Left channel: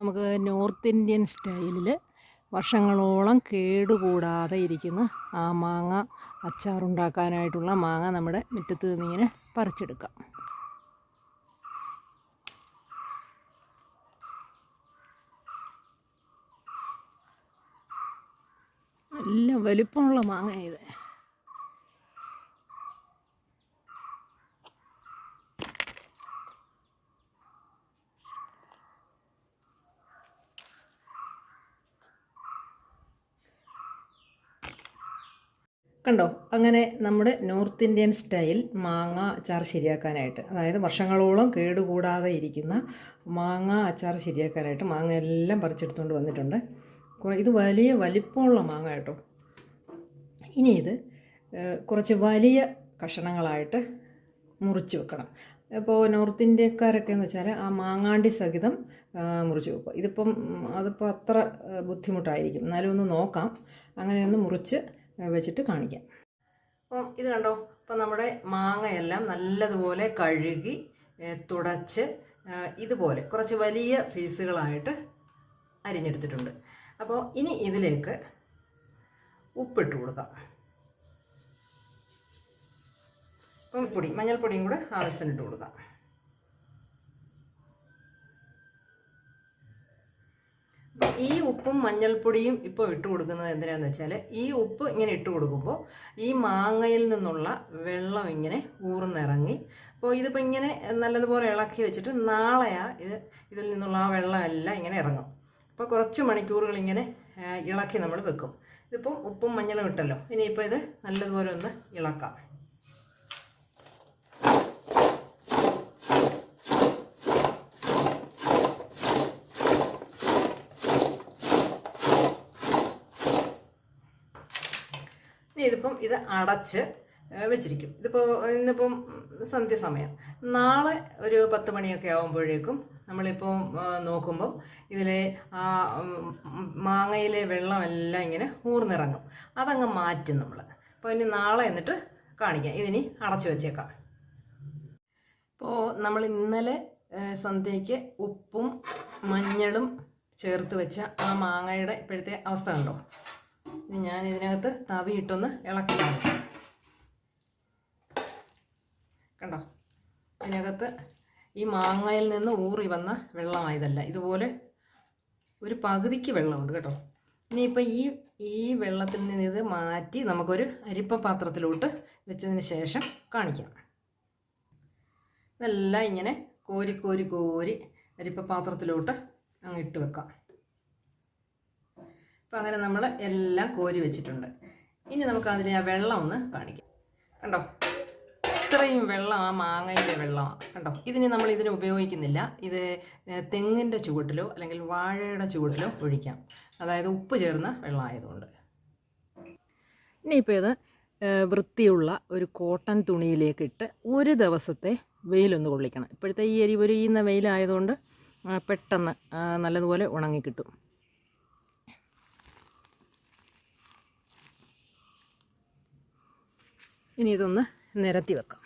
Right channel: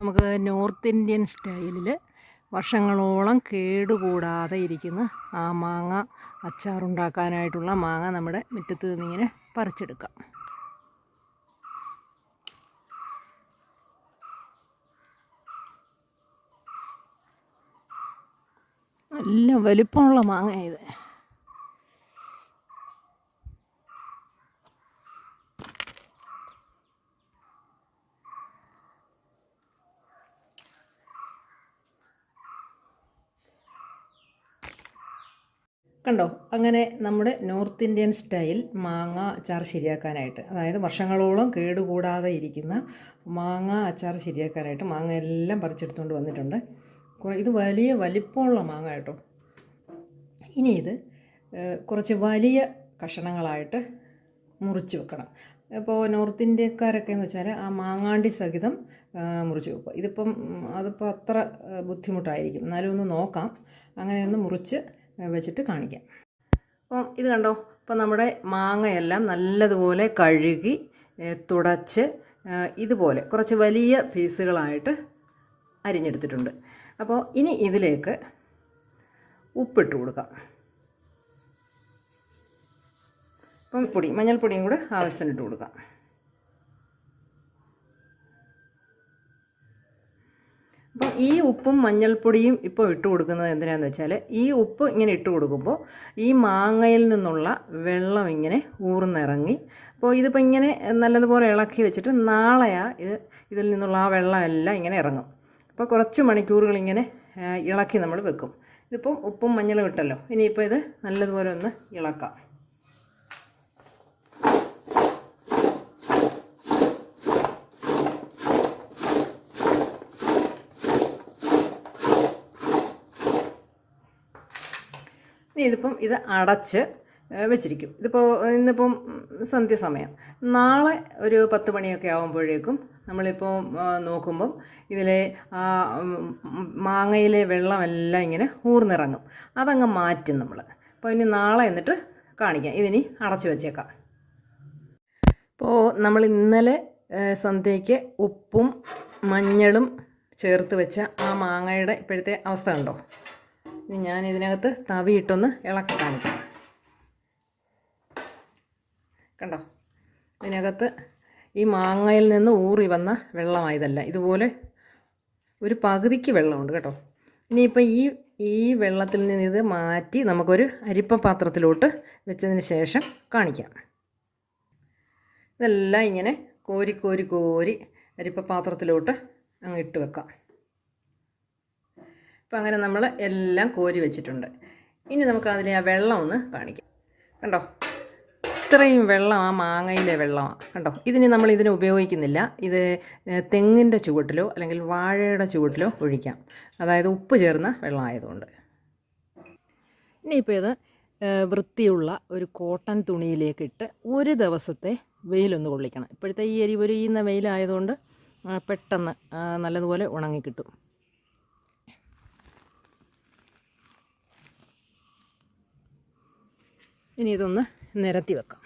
നമുക്ക് north Indian സ്റ്റൈലിൽ വർഷങ്ങളോളം കേടുകൂടാതെ ഇരിക്കുന്ന ആ മാങ്ങ അച്ചാറുണ്ടാക്കാനായിട്ടുള്ള മാങ്ങ നമ്മുടെ മുറ്റത്ത് നിന്നിങ്ങനെ പറിച്ചെടുക്കാം. നല്ല വലിപ്പമുള്ള മാങ്ങ ഇത്. കണ്ടോ, അങ്ങനെ നമ്മുടെ നോർത്ത് ഇന്ത്യൻ സ്റ്റൈൽ മാങ്ങ അച്ചാർ ശരിയാക്കാനായിട്ട്, അതായത് വർഷങ്ങളോളം കേടുകൂടാതെ ഇരിക്കുന്ന മാങ്ങ അച്ചാർ ശരിയാക്കാനായിട്ട് മാങ്ങ എല്ലാം പറിച്ചെടുത്തുകൊണ്ട് വന്നിട്ടുണ്ട്. ഇത് വലിയ വലിപ്പമുള്ള മാങ്ങ കേട്ടോ. ഇനി ഇത് കുറച്ച് വലിയ കഷണങ്ങളായിട്ട് മുറിച്ച് വെക്കണം. ഇപ്പോൾ നോർത്ത് ഇന്ത്യക്കാരൊക്കെ എന്ന് വെച്ചാൽ ആ മാങ്ങാണ്ടി സഹിതം മുറിച്ച് വെക്കുക. അതിപ്പോൾ അത്ര ബുദ്ധിമുട്ടായിരിക്കും, എന്നാലും ഒന്ന് നോക്കാം. അങ്ങനെയൊന്ന് മുറിച്ച് വെച്ചിട്ട് കാണിക്കാം. അപ്പം ഇത് കണ്ടോ, ഇപ്പം നമ്മുടെ മാങ്ങയെല്ലാം നല്ലതുപോലെ കഴുകി തുടച്ച് ഇതുപോലെ കുറച്ച് വലിയ പീസുകളായിട്ട് അരിഞ്ഞെടുത്തിട്ടുണ്ട്. അപ്പോൾ ഇനി ഇതിലേക്ക് ഉപ്പിട്ട് കൊടുക്കാം. അപ്പം മഞ്ഞൾപ്പൊടിയും കൂടെ ആവശ്യത്തിന് ഇട്ട് കൊടുക്കാം. അപ്പോൾ ഈ ഉപ്പും മഞ്ഞൾപ്പൊടിയും ഇപ്പോൾ ഇട്ട് കൊടുക്കുന്നത് എന്തിനാണെന്ന് വെച്ചാൽ, ഈ ഉപ്പ് ഇങ്ങനെ ഇട്ട് കൊടുക്കുമ്പോൾ ഈ മാങ്ങയിൽ നിന്നുള്ള വെള്ളം ഇങ്ങനെ ഊർന്നിറങ്ങി, അപ്പോൾ ഇതിപ്പോൾ ഇങ്ങനെ നല്ലതുപോലെ ഇളക്കി വെച്ചിട്ട് ഇതിൽ നിന്നുള്ള ആ വെള്ളമെല്ലാം ഇങ്ങനെ ഇറങ്ങും. അപ്പോൾ കുറച്ച് മണിക്കൂറുകൾ ഇങ്ങനെ ഇളക്കി നമ്മൾ വെക്കും. ഇതിപ്പം ഉപ്പും മഞ്ഞളും ഇട്ടല്ലോ, ഇനിയിപ്പോൾ ഇത് നല്ലതുപോലെ ഒന്ന് ഇളക്കാം. ഇനി ഇത് അടച്ച് വെച്ചിരിക്കും. ഇന്നിപ്പം സന്ധ്യസമയം, നാളെ ഒരു 10 മണിയൊക്കെ ആകുമ്പോഴേക്കും നമ്മളിപ്പോൾ നോക്കുമ്പോൾ ഇതിലെ ആ മാങ്ങയിലെ വെള്ളമെല്ലാം ഇങ്ങനെ ഊർന്നിറങ്ങും. അതങ്ങ് മാറ്റും നമ്മൾ. അപ്പോൾ ഇനി നാളെ എന്നിട്ട് കാണിക്കാം. ഇതിനി അടച്ചു വെച്ചേക്കാം. ഇപ്പോൾ നമ്മൾ ഇന്നലെ സന്ധ്യയ്ക്ക് ഉപ്പും മഞ്ഞളും ചേർത്ത് വെച്ച ആ മാങ്ങയുടെ ഇപ്പോഴത്തെ അവസ്ഥ ഉണ്ടോ? ഇനി ഞാൻ ഇതിനകത്ത് തവിയിട്ടൊന്ന് ഇളക്കി കാണിക്കാം. കണ്ടോ, ഇതിനകത്ത് ഈ മാങ്ങയിൽ നിന്ന് ഊറി വന്ന വെള്ളമായതല്ല, ഇതുപോലെ ഒരു പകുതിക്ക് വെള്ളമുണ്ട് കേട്ടോ. ഇനിയിപ്പോൾ ഈ വെള്ളത്തിൽ നിന്ന് ഇത് മാറ്റി നമുക്കൊരു അരിപ്പ പാത്രത്തിലോട്ട് വെച്ചതിന് ശേഷം കാണിക്കാം. ഇതെല്ലാം ഇങ്ങനെ കോരി അരിപ്പ പാത്രത്തിലോട്ട് അങ്ങ് ഇട്ട് വെക്കാം. അപ്പോൾ അങ്ങനെ നമ്മൾ എല്ലാം കോരി വെച്ചിട്ടുണ്ട്. ഇനി നമുക്ക് അതിലെ ആ വെള്ളം ഒന്ന് കാണിക്കാം. കണ്ടോ, ഇത്രയും വെള്ളം ആ മാങ്ങയിലെ വെള്ളമാണ്. കണ്ടോ, ഇതിന് ഉപയോഗിക്കുന്നില്ല. ഇത് തെങ്ങിൻ്റെ ചുവട്ടിലോ അല്ലെങ്കിൽ വാഴയുടെ ചുവട്ടിലോ ഒഴിക്കാം. അതായത് ഉപ്പ് ചേർന്ന വെള്ളമായതുകൊണ്ട്. ഇനിയിപ്പോൾ ഇത് വൃത്തിയുള്ള ഒരു കോട്ടൺ തുണിയിലേക്കിട്ട് ഒരു ദിവസത്തെ വെയിലൊന്ന് കൊള്ളിക്കണം. ഇപ്പോഴത്തെ ഈ എരിപൊരിയുന്ന വെയിലായതുകൊണ്ട് പെട്ടെന്ന് നല്ലതുപോലെ ഉണങ്ങിക്കിട്ടും. ഇനി ഇതൊന്ന് നിരത്തി വെക്കാം.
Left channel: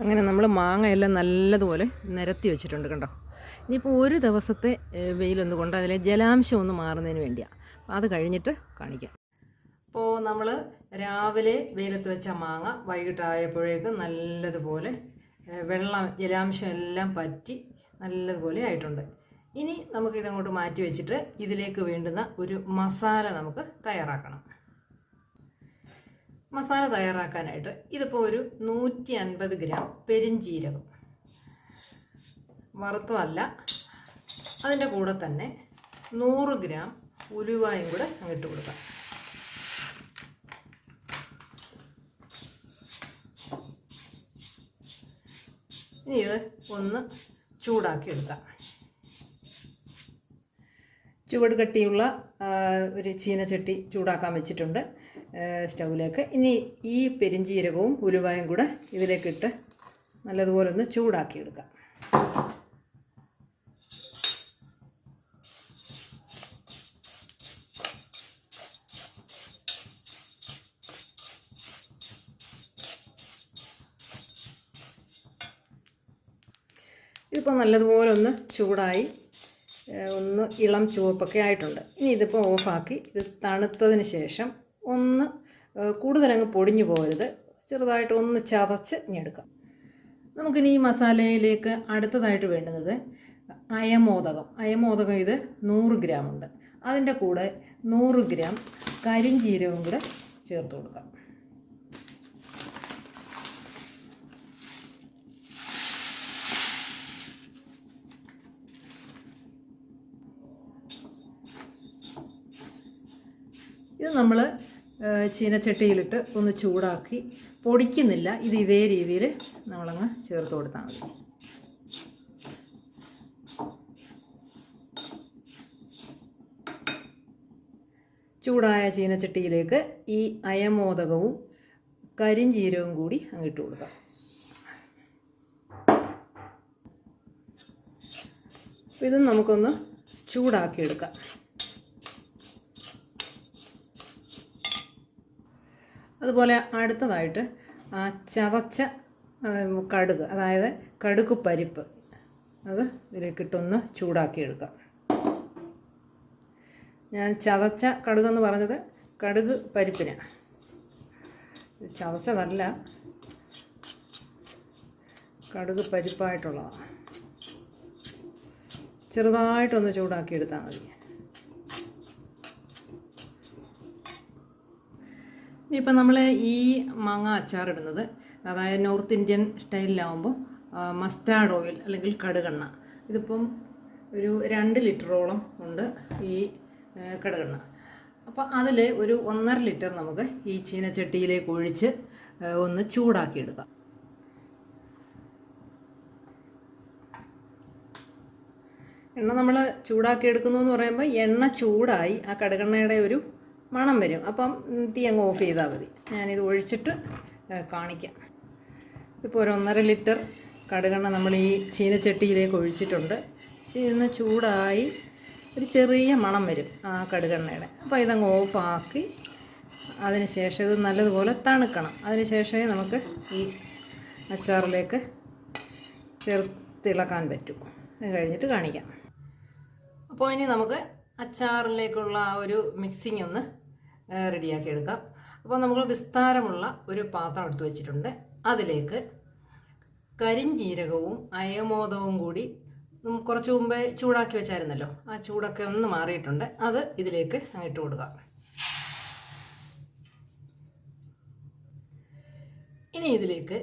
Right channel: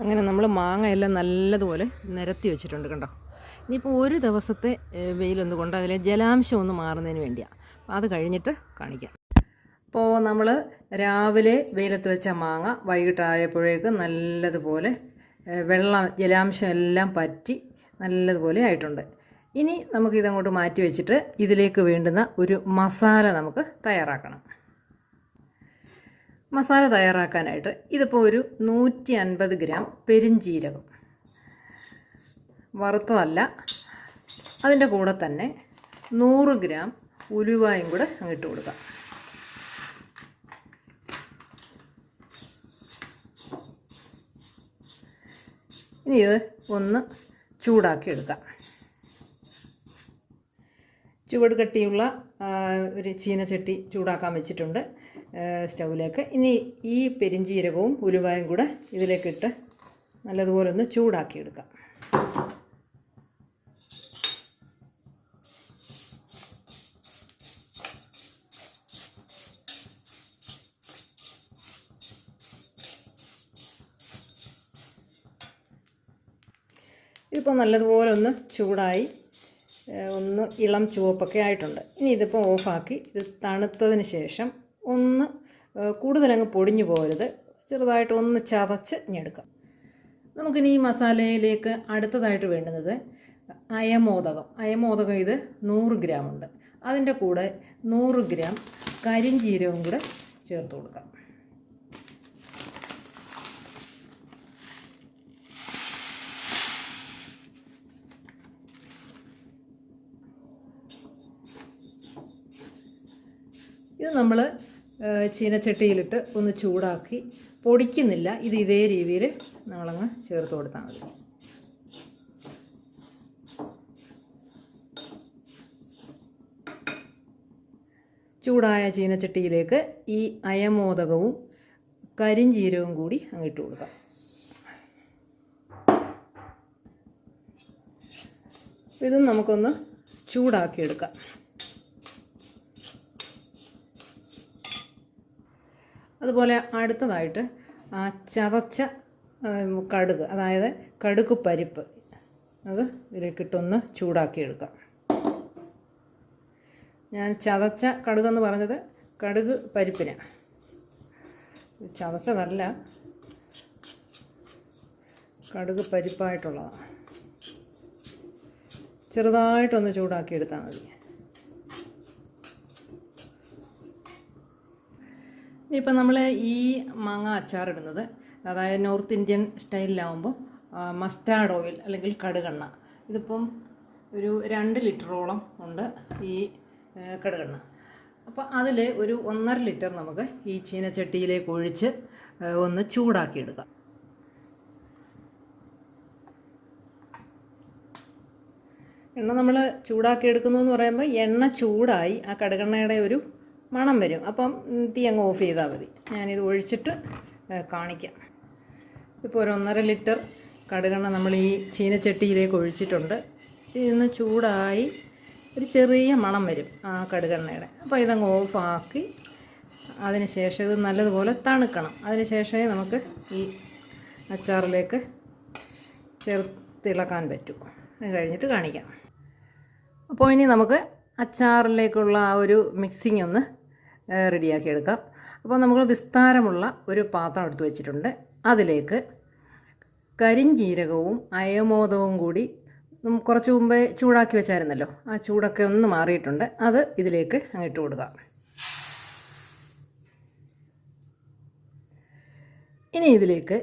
അങ്ങനെ നമ്മൾ മാങ്ങയെല്ലാം നല്ലതുപോലെ നിരത്തി വെച്ചിട്ടുണ്ട്. കണ്ടോ, ഇനിയിപ്പോൾ ഒരു ദിവസത്തെ വെയിലൊന്ന് കൊണ്ട് അതിലെ ജലാംശം ഒന്ന് മാറുന്നതിന് വേണ്ടിയാണ്. അത് കഴിഞ്ഞിട്ട് കാണിക്കാം. അപ്പോൾ നമ്മൾ രാവിലെ വെയിലത്ത് വെച്ച മാങ്ങ വൈകിട്ടായപ്പോഴേക്ക് നല്ലതുപോലെ ജലാംശം എല്ലാം പറ്റി നല്ലതുപോലെ ആയിട്ടുണ്ട്. ഇനി നമുക്കിതങ്ങോട്ട് മാറ്റി വെച്ചിട്ട് ഇതിലേക്ക് വേണ്ടുന്ന ഒരു മസാല നമുക്ക് തയ്യാറാക്കണം. മസാല തയ്യാറാക്കാനായിട്ട് ഇതിപ്പോൾ ഒരു 150 ഗ്രാം പെരിഞ്ജീരകം, വറുത്തതല്ല. അതിൻ്റെ കൂടെ തന്നെ 100 ഗ്രാം ഉലുവായും കൂടെ അങ്ങിട്ട് കൊടുക്കാം. ഇനി ഇത് ഒന്ന് ചൂടാക്കി എടുക്കാം. ചുവട് കട്ടിയുള്ള ഒരു ചീനച്ചട്ടി ചൂടാക്കാൻ വെച്ചിട്ടുണ്ട് സ്റ്റൗവിലേക്ക്. ഇനി ഈ പെരിഞ്ജീരകവും ഉലുവായും കൂടെ ഇതിലേക്കിട്ട് നല്ലതുപോലെ ഒന്ന് ചൂടാക്കിയെടുക്കാം. ഇതിപ്പോൾ നല്ലതുപോലെ ഒന്ന് ചൂടായി ഒന്ന് ഇളം ചുവപ്പൊക്കെ ആയിട്ടുണ്ട്. ഇനി ഇതിപ്പോൾ ഓഫാക്കി ഇത് തണുത്തതിന് ശേഷം ഒന്ന് കൂടുതലങ്ങ് പൊടിഞ്ഞു പോകരുത്, ചെറുതായിട്ട് ഒന്ന് ചതച്ച് ഞെടുക്കാം. നമുക്കിനി ഈ മസാലയിലേക്ക് അടുത്തതായിട്ട് വേണ്ടുന്നത് അയമോദകം ഇത് 100 ഗ്രാം ഉണ്ട്. അതിൻ്റെ കൂടെ 100 ഗ്രാം കരിഞ്ജീരകവും കൂടെ ചേർത്ത് കൊടുക്കാം. ഇത് നമ്മൾ ചീനച്ചട്ടിയിലിട്ട് ഒന്ന് ചൂടാക്കി പൊടിക്കുന്നില്ല, ഇത് ഇതേ രീതിയിൽ നമ്മളങ്ങ് ചേർത്ത് കൊടുത്താൽ മതി. ചൂടായ ചീനച്ചട്ടിയിലേക്ക് ഈ അയമോദകവും കരിഞ്ജീരകവും കൂടി അങ്ങിട്ട് കൊടുക്കാം. ഇത് നമുക്കൊന്ന് ചൂടാക്കിയെടുക്കാം. അതുപോലെ അടുത്തതായിട്ട് ആ ചതച്ച കടുക്, അതായത് കടുക് പരിപ്പ്, അത് ഇതിലേക്കിട്ടൊന്ന് ചൂടാക്കിയെടുക്കാം. ഞാൻ ചതച്ച കടുകെന്ന് പറഞ്ഞത് കടുക് പരിപ്പിനാണ്, ചതച്ചതല്ല, കടുക് പരിപ്പായിട്ടുള്ളതാണ്. ചെറുതായിട്ടൊന്ന് ചൂടാക്കിയെടുത്താൽ മതി. ഇപ്പം നമ്മൾ ഈ മാങ്ങ അച്ചാറിടുന്നത്, അതായത് നോർത്ത് ഇന്ത്യൻ സ്റ്റൈലിലാവുമ്പോൾ മസ്റ്റാർഡ് ഓയിൽ അല്ലെങ്കിൽ കടുകെണ്ണ, ഇതിപ്പം ഒരു 2 ലിറ്ററോളം ഉണ്ട് ഈ കടുകെണ്ണ. അപ്പോൾ അതിൽ ഒരു 1.5 ലിറ്റർ നമുക്ക് ഈ ചീനച്ചട്ടിയിലേക്ക് ഒഴിച്ച് ഒന്ന് ചൂടാക്കിയെടുക്കാം. എണ്ണ നമ്മൾ ചൂടാക്കിയെടുക്കുന്നു എന്ന് പറയുമ്പോൾ എണ്ണ ചൂടായി ആ കടുകെണ്ണയുടെ ഒരു മണം വരും. അപ്പം തീ അങ്ങ് ഓഫ് ചെയ്താൽ മതി. ഞാനിത് ഒഴിച്ചിട്ട് കാണിക്കാം. ഇപ്പോൾ ഒരു 1.5 ലിറ്റർ കടുകെണ്ണ നമ്മൾ ഈ ചീനച്ചട്ടിയിലേക്ക് ഒഴിച്ചിട്ടുണ്ട്. ഇതിന്ന് ചൂടായി ഒരു ചെറിയ മണം വരും ആ കടുകെണ്ണയുടെ. അപ്പോൾ ഇതങ്ങ് ഓഫാക്കി അതിന് ശേഷം ഇത് നല്ലതുപോലെ തണുക്കണം. അതിന് ശേഷമേ നമുക്ക് ഈ അച്ചാറിലേക്ക് ചേർത്തിളക്കാൻ പറ്റൂ. അത് കഴിഞ്ഞിട്ട് കാണിക്കാം. അപ്പോൾ ഇനി നമുക്ക് അച്ചാറിലേക്കുള്ള ആ ഒരു മിക്സിങ് ഒന്ന് റെഡിയാക്കി എടുക്കാം. അപ്പോൾ നമ്മൾ വിസ്താരമുള്ള ഒരു പാത്രം എടുത്ത് വെച്ചിട്ടുണ്ട്. അതിലേക്ക് കരിഞ്ജീരകവും അയമോദകവും കൂടി കുറച്ച് മുമ്പേ ചൂടാക്കി വെച്ചായിരുന്നല്ലോ, ആ ചൂടൊക്കെ ഒന്ന് മാറിയിട്ടുണ്ട്. അത് ഇതിലേക്ക് ഇട്ട് കൊടുക്കാം. ഇനി ഇതിലേക്ക്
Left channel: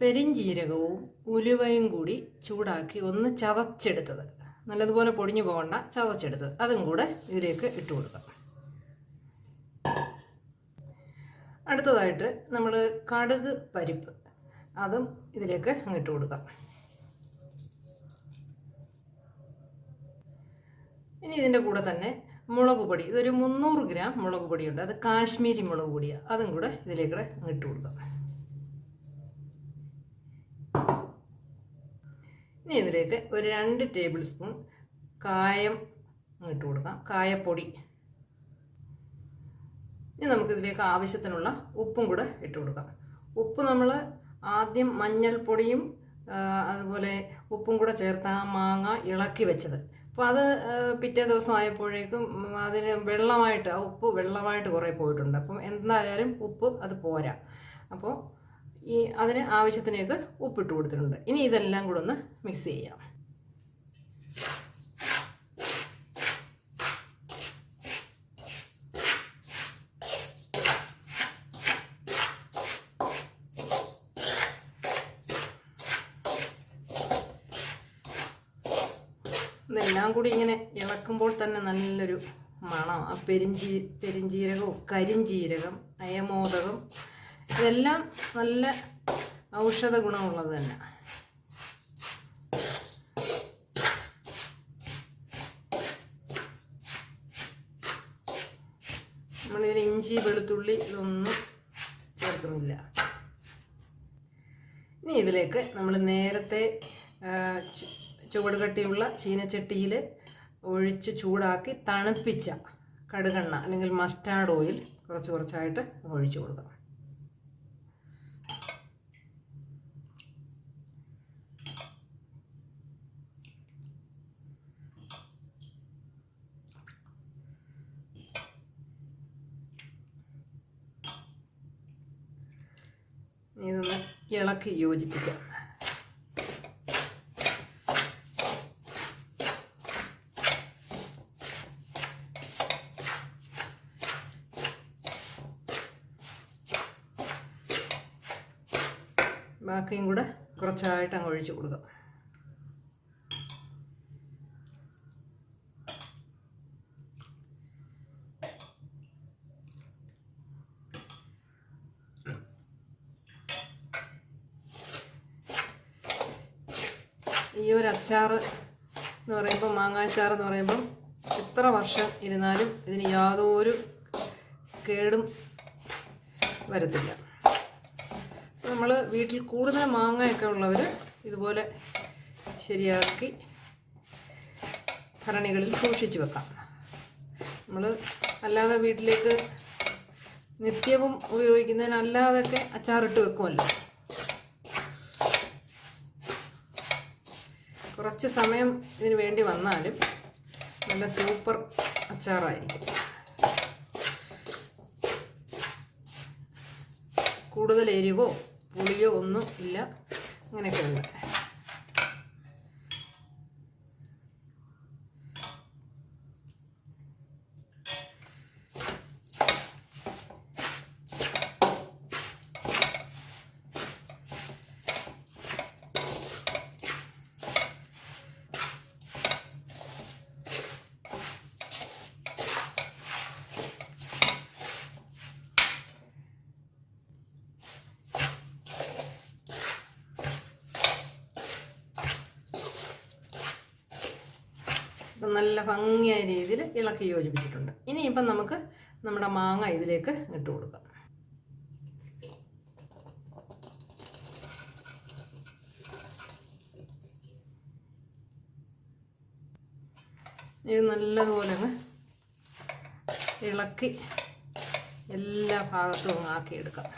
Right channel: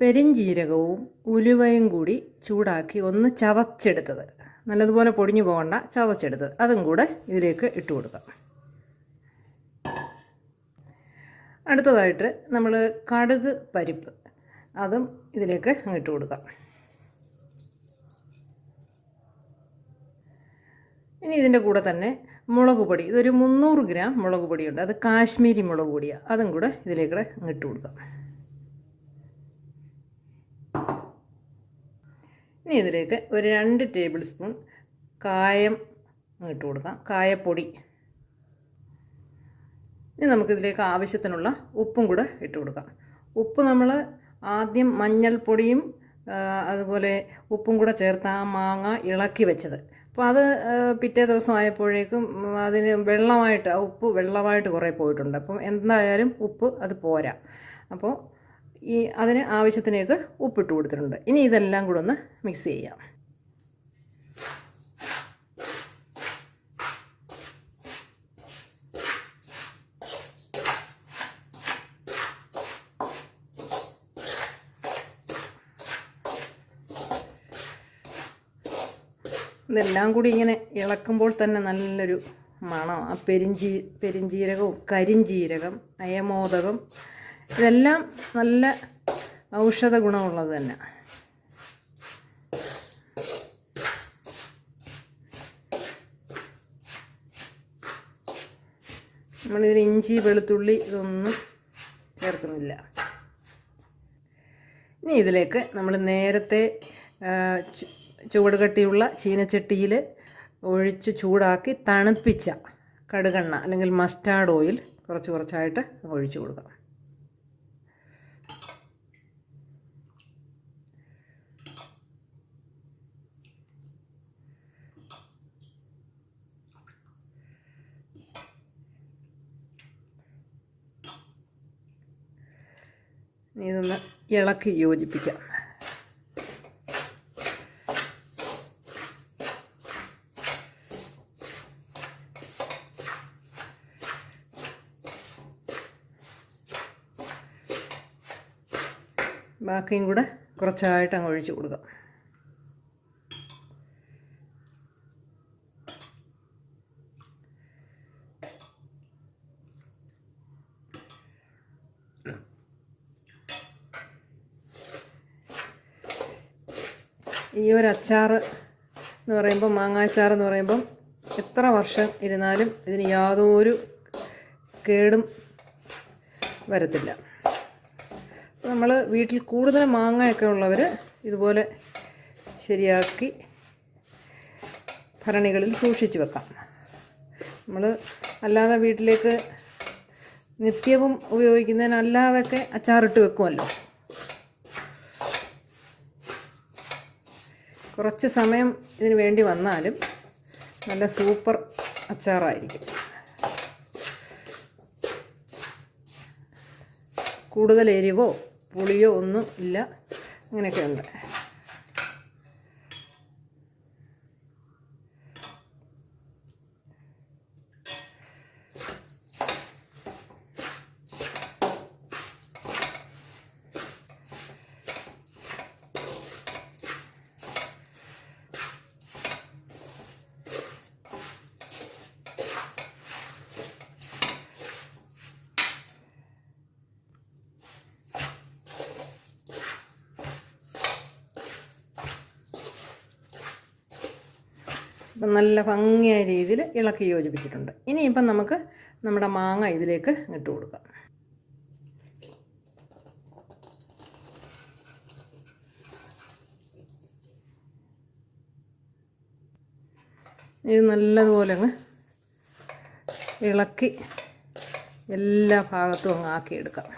പെരിഞ്ജീരകവും ഉലുവയും കൂടി ചൂടാക്കി ഒന്ന് ചതച്ചെടുത്തത്, നല്ലതുപോലെ പൊടിഞ്ഞു പോകണ്ട, ചതച്ചെടുത്തത്, അതും കൂടെ ഇതിലേക്ക് ഇട്ട് കൊടുക്കാം. അടുത്തതായിട്ട് നമ്മൾ കടുക് പരിപ്പ്, അതും ഇതിലേക്ക് ഇട്ട് കൊടുക്കാം. ഇനി ഇതിൻ്റെ കൂടെ തന്നെ മുളക് പൊടി, ഇതൊരു 300 ഗ്രാം മുളക് പൊടിയുണ്ട്, അത് കാശ്മീരി മുളക് പൊടിയാണ്, അതും കൂടെ ഇതിലേക്ക് ഇട്ട് കൊടുക്കാം. ഇനി ഇതിലേക്ക് ഒരു 2 ടേബിൾ സ്പൂൺ കായം ഇട്ട് കൊടുക്കാം, കായപ്പൊടി. ഇനി നമുക്കിതിലേക്ക് ആവശ്യത്തിനുള്ള ഉപ്പും കൂടെ ഇട്ട് കൊടുക്കാം. ഉപ്പ് നമ്മൾ ആദ്യം മഞ്ഞൾപ്പൊടിയും അതുപോലെ ഉപ്പും കൂടെ ചേർത്ത് ആ മാങ്ങ ഇളക്കി വെച്ചത്, അപ്പോൾ അത് പിറ്റേ ദിവസം ആയപ്പോഴേക്കും അതിന് വെള്ളമായിട്ട്, ആ ഉപ്പ് വെള്ളമായിട്ട് കുറേ പോയിട്ടുണ്ട്. അപ്പം എന്തായാലും ഉപ്പ് അത് പോരാ. അപ്പോൾ അതിന് ആവശ്യത്തിനേക്ക് ഉപ്പിട്ട് കൊടുത്തിട്ടുണ്ട്. ഇനി ഇതെല്ലാം കൂടെ ഒന്ന് മിക്സ് ചെയ്യാം. ഇതെല്ലാം കൂടി ഇങ്ങനെ ഇളക്കുമ്പോൾ തന്നെ നല്ലൊരു മണം, ആ പെരിഞ്ജീരകവും കരിഞ്ജീരകം, അയമോദകം, ഇതെല്ലാം നല്ല ഔഷധ ഗുണമുള്ളത് തന്നെ. നമ്മളിതിൽ ഇഞ്ചി വെളുത്തുള്ളി ഇതൊന്നും ചേർക്കുന്നില്ല. ഇനി ഇതിലേക്ക് നമ്മൾ നേരത്തെ ചുവട് കട്ടിയുള്ള ചീനച്ചട്ടിയിൽ ഒഴിച്ച് ചൂടാക്കി തണുപ്പിച്ച കടുകെണ്ണ അല്ലെങ്കിൽ മസ്റ്റാർഡ് ഓയിൽ കുറച്ച് കുറച്ചായിട്ട് ഒഴിച്ചു കൊടുക്കാം. ഇതൊന്ന് ഇളക്കി യോജിപ്പിക്കാം. ബാക്കിയും കൂടെ കുറച്ചായിട്ട് അങ്ങ് ഒഴിച്ച് കൊടുക്കാം. ഈ ഒരു അച്ചാർ എന്ന് പറയുമ്പോൾ, മാങ്ങാച്ചാർ എന്ന് പറയുമ്പം എത്ര വർഷം ഇരുന്നാലും ഇതിന് യാതൊരു കേടും വരത്തില്ല. നമ്മൾ വീട്ടിൽ കൂടുതൽ മാങ്ങയൊക്കെ ഉള്ളവർ ഇതുപോലെ ശരിയാക്കി ഭരണികളിൽ സൂക്ഷിച്ച് വെക്കാം. നമ്മൾ അല്ലാതെ വീട്ടിലേക്ക് നിത്യവും ഉപയോഗിക്കുന്നതിനല്ലാതൊക്കെ അച്ചാറിട്ട് വെക്കുമല്ലോ. കുറച്ച് സമയം ഇതിന് വേണ്ടി വന്നാലും നല്ല സൂപ്പർ അച്ചാറായിരിക്കും. കൂടുതൽ എരിവോ പുളിയോ ഒന്നും ഇല്ല. അങ്ങനെയൊക്കെ ഉണ്ട്. അപ്പം നല്ല ഭംഗിയായ രീതിയിൽ ഇളക്കി യോജിപ്പിച്ചിട്ടുണ്ട്. ഇനിയിപ്പം നമുക്ക് നമ്മുടെ മാങ്ങ ഇതിലേക്ക് ഇട്ട് കൊടുക്കാം. ഇത് നല്ലതുപോലെ അങ്ങ് ഇളക്കി എല്ലാ ഭാഗത്തും അങ്ങ് ആക്കിയെടുക്കാം.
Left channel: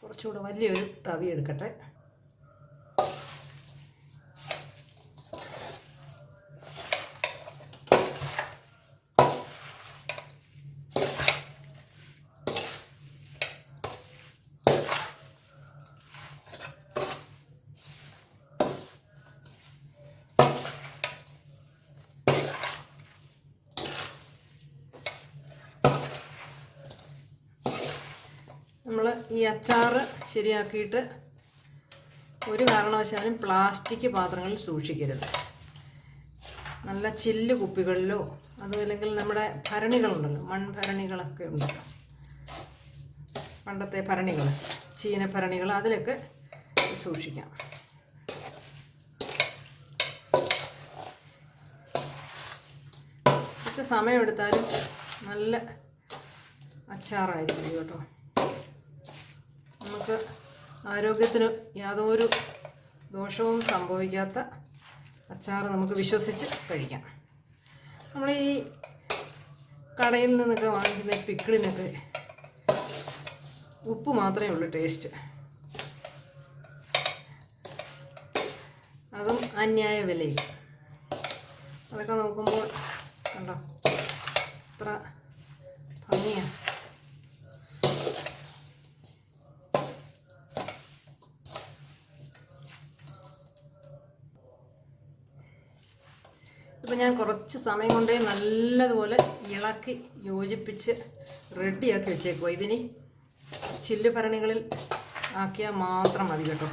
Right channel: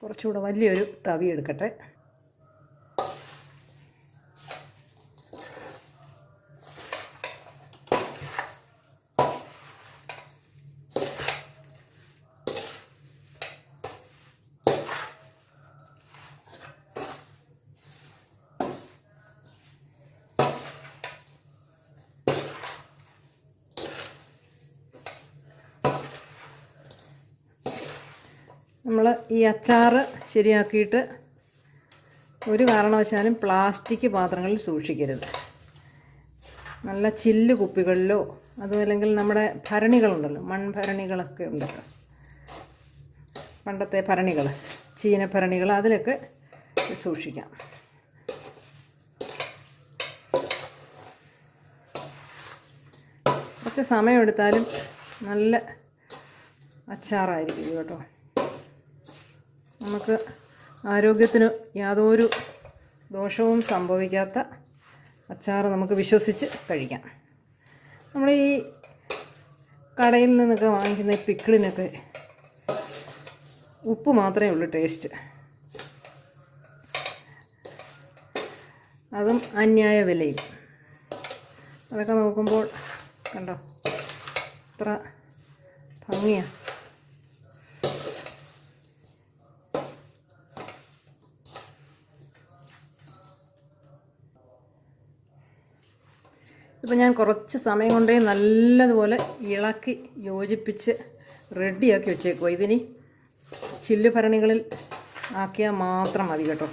കുറച്ചുകൂടെ വലിയൊരു തവി എടുക്കട്ടെ. നമ്മൾ ഈ അച്ചാർ ശരിയാക്കിയിട്ട് ഒരു കാരണവശാലും പ്ലാസ്റ്റിക് പാത്രങ്ങളിൽ സൂക്ഷിക്കരുത്. നല്ല ചില്ല് കുപ്പികളിലോ അതുമല്ലെങ്കിൽ നമ്മുടെ ഭരണികളുണ്ടല്ലോ, മൺഭരണികളൊക്കെ ഉണ്ടല്ലോ, പണ്ടത്തെ ഭരണികൾ, ചീനഭരണികൾ, അതിലൊക്കെ സൂക്ഷിക്കാം. കുറച്ച് സമയമെടുത്താലും നല്ല അച്ചാറായിരിക്കും കേട്ടോ. നമുക്ക് ആരോഗ്യത്തിന് യാതൊരു ദോഷവും സംഭവിക്കാത്ത അച്ചാർ നമുക്ക് വിശ്വസിച്ച് കഴിക്കാം. നമ്മൾ ഈ കടയിൽ നിന്നൊക്കെ വാങ്ങിക്കുന്ന പിക്കിളിനൊക്കെ ഉപ്പ് മാത്രമേ ഉള്ളൂ ടേസ്റ്റ്. അതും അന്യായ വിലയും. അതൊക്കെ നോക്കുമ്പോൾ കണ്ടോ എത്ര ഭംഗിയാണ്. ഇപ്പം ഞാൻ കുറച്ച് സമയം കൊണ്ടേ നല്ലതുപോലെ ഇളക്കി യോജിപ്പിച്ച് റെഡിയാക്കി വെച്ചേക്കുമോ. ഇതിനി ചില്ല് ഭരണികളിൽ ആക്കിയാൽ മാത്രം മതി കേട്ടോ.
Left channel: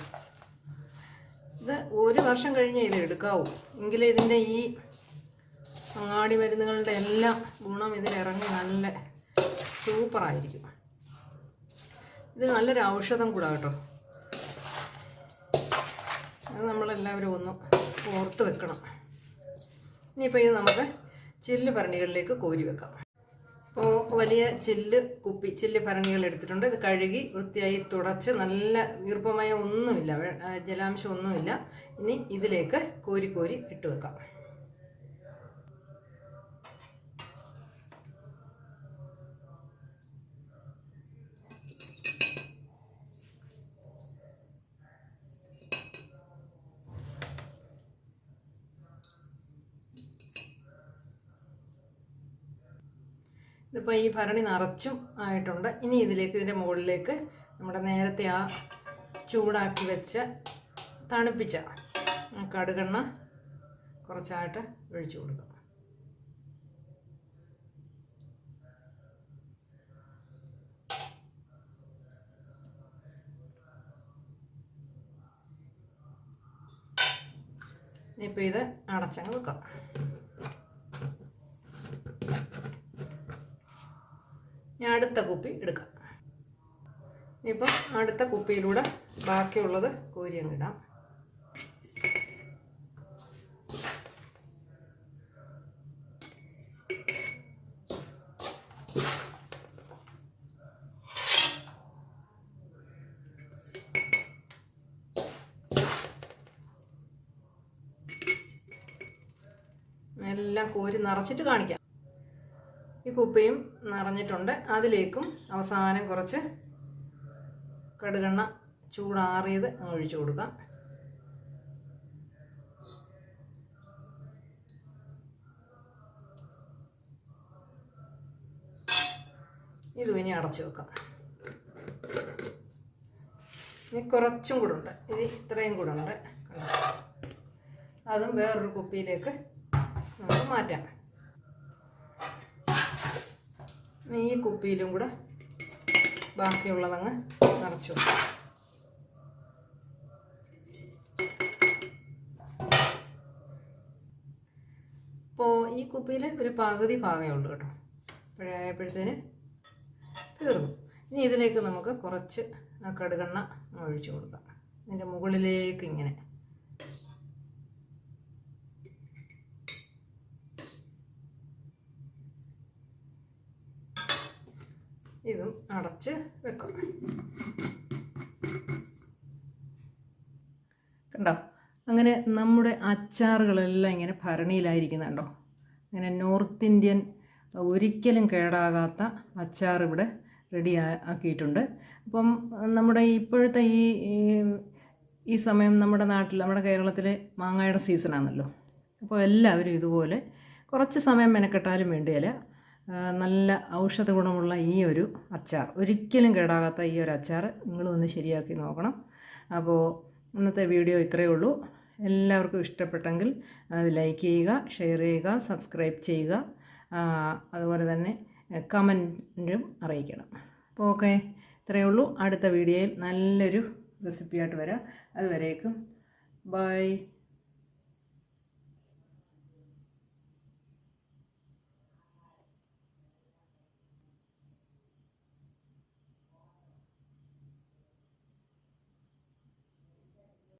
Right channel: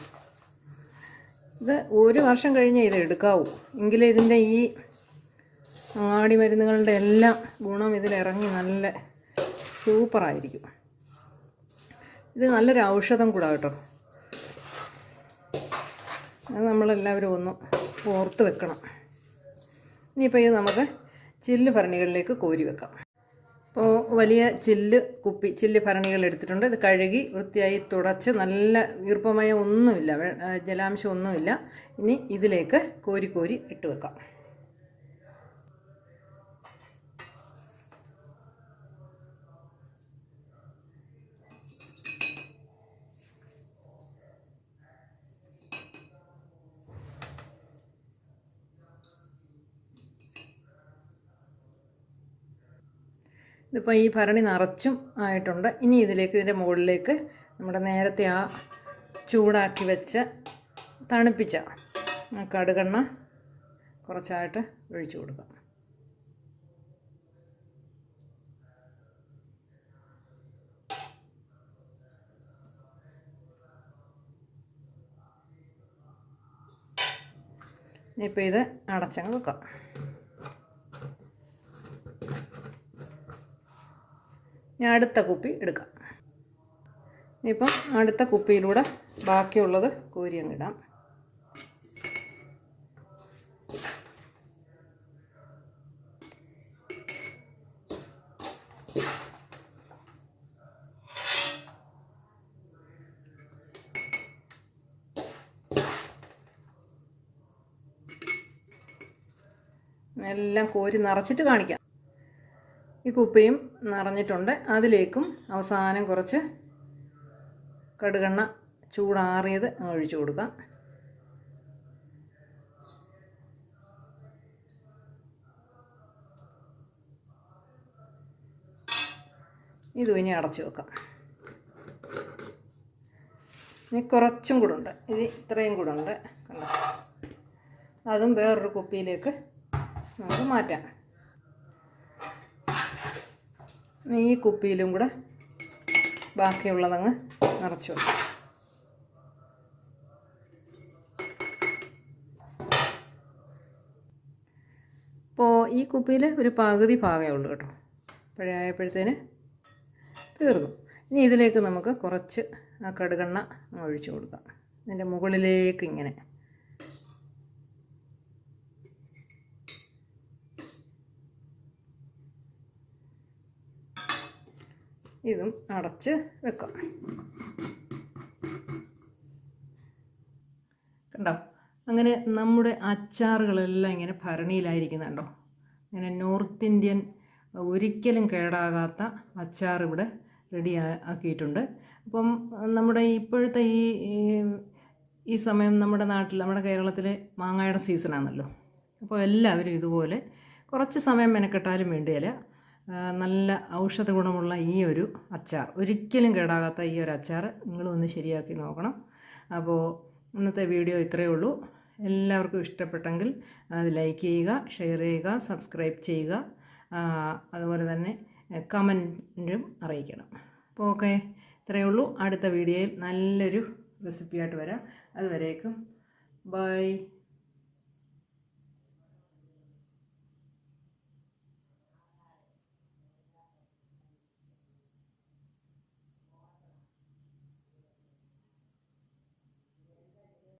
ഇത് ഒരു വർഷം കഴിഞ്ഞേ ഇത് എടുക്കാവൂ. എങ്കിലേ ഇതിൻ്റെ ഈ അങ്ങാടി മരുന്നുകളുടെ എല്ലാം ഗുണം ഇതിലിറങ്ങി നല്ല സൂപ്പറായിരിക്കും. ഇത് നല്ലൊരു ഔഷധം കൂടാ കേട്ടോ. അത് നമ്മളെല്ലാവരും ഒന്ന് ഓർത്ത് വെക്കണം. ഇനിയിപ്പോൾ ഇത് നമുക്ക് ചില്ല് ഭരണികളിലേക്ക് കോരി വെക്കാം. അപ്പോൾ വലിയ ചില്ല് ഭരണികൾ എടുത്തിട്ടുണ്ട്. ഇത് കഴുകി വൃത്തിയായി തുടച്ച് നല്ല ഈർപ്പമയം ഒന്നുമില്ല, ജലാംശം ഒന്നുമില്ല. ഇനി ഇതിലേക്ക് കോരി കോരി ഇട്ട് വെക്കാം. ഇതിപ്പോൾ ഈ ഭരണി നിറച്ചും ആയിട്ടുണ്ട്. ഇനി ഇതിൻ്റെ മുകളിലേക്ക് നമ്മുടെ നേരത്തെ ആ ചൂടാക്കി വെച്ച തണുപ്പിച്ച കടുകെണ്ണ കുറച്ചായിട്ട് ഒഴിച്ചു കൊടുക്കാം. ഇനിയിപ്പോൾ ഇത് അടച്ചങ്ങ് വെക്കാം. ഇനി അടുത്ത കുപ്പി എടുക്കാം. ഇനിയിപ്പം അടുത്ത കുപ്പിയിലൂടെ ബാക്കിയുള്ളത് കോരി അങ്ങ് ഇടാം. എല്ലാം കോരി നിറച്ചിട്ട് കാണിക്കാം. ഈ കുപ്പിയും നിറഞ്ഞിട്ടുണ്ട്. അതിലേക്കും അവസാനം കുറച്ച് കടുകെണ്ണ ചൂടാറിയത് അങ്ങ് ഒഴിച്ചു കൊടുക്കാം. ഇതും ഇനി അടച്ചു വെക്കാം. ഇനി കുറച്ചും കൂടെ ഉണ്ട്. ഇത് ഇത്രയും കൂടെ ഉണ്ട്. അതും വേറൊരു കുപ്പിയിലേക്ക് നമുക്ക് മാറ്റാം. ഈ കുപ്പിയിലും കൂടെ ബാക്കിയുള്ളതങ്ങ് നിറച്ചു വെക്കാം. അപ്പോൾ ഈ കുപ്പിയിൽ ഒരു പകുതി ഭാഗമേ ഉള്ളൂ കേട്ടോ. ആയപ്പോഴത്തേന് തീർന്നു. ഇനി ഇതിലേക്ക് നമുക്ക് കുറച്ച് ആ കടുകെണ്ണ ഒഴിച്ചു കൊടുക്കാം. ഇതിൻ്റെ മുകളിലേക്ക് ഇങ്ങനെ. ഇതും അടച്ച് വെക്കാം. കണ്ടോ, അങ്ങനെ നമ്മുടെ അച്ചാറുകളെല്ലാം ഇങ്ങനെ ഭരണിയിലായിരിക്കുന്നുണ്ടോ. അങ്ങനെ നോർത്ത് ഇന്ത്യൻ ഒരിക്കലും കേടാകാത്ത അച്ചാർ ഇവിടെ റെഡി ആക്കിയിട്ടുണ്ട്. അപ്പം നമ്മുടെ ഇപ്പോഴത്തെ ഈ സമയം നമ്മുടെ നാട്ടിൽ, നമ്മുടെ കേരളത്തിൽ മാങ്ങയുടെ സീസണാണല്ലോ. അപ്പോൾ എല്ലാവരും ഇതുപോലെ കുറച്ച് സമയം മെനക്കെട്ടാലും വേണ്ടിയില്ല, നല്ല ഔഷധ ഗുണമുള്ള ഈ ഒരു അച്ചാർ, ഒരിക്കലും കേടാകാത്ത ഈ ഒരു അച്ചാർ നിങ്ങളും ഒന്ന് ശരിയാക്കി നോക്കണം. അപ്പോൾ ഇന്നത്തെ വീഡിയോ ഇത്രയേ ഉള്ളൂ. എല്ലാവർക്കും ഇഷ്ടപ്പെട്ടെങ്കിൽ അത് ലൈക്ക് ചെയ്യുക, ഷെയർ ചെയ്യുക, സബ്സ്ക്രൈബ് ചെയ്യുക, അതുപോലെ തന്നെ കമൻറ്റും അറിയിക്കണം. അപ്പോൾ ഓക്കെ, ഇത്രയേ ഉള്ളൂ. അടുത്ത വീഡിയോയിൽ നല്ലൊരു റെസിപ്പിയായിട്ട് വരാം. അതുവരേക്കും ബൈ.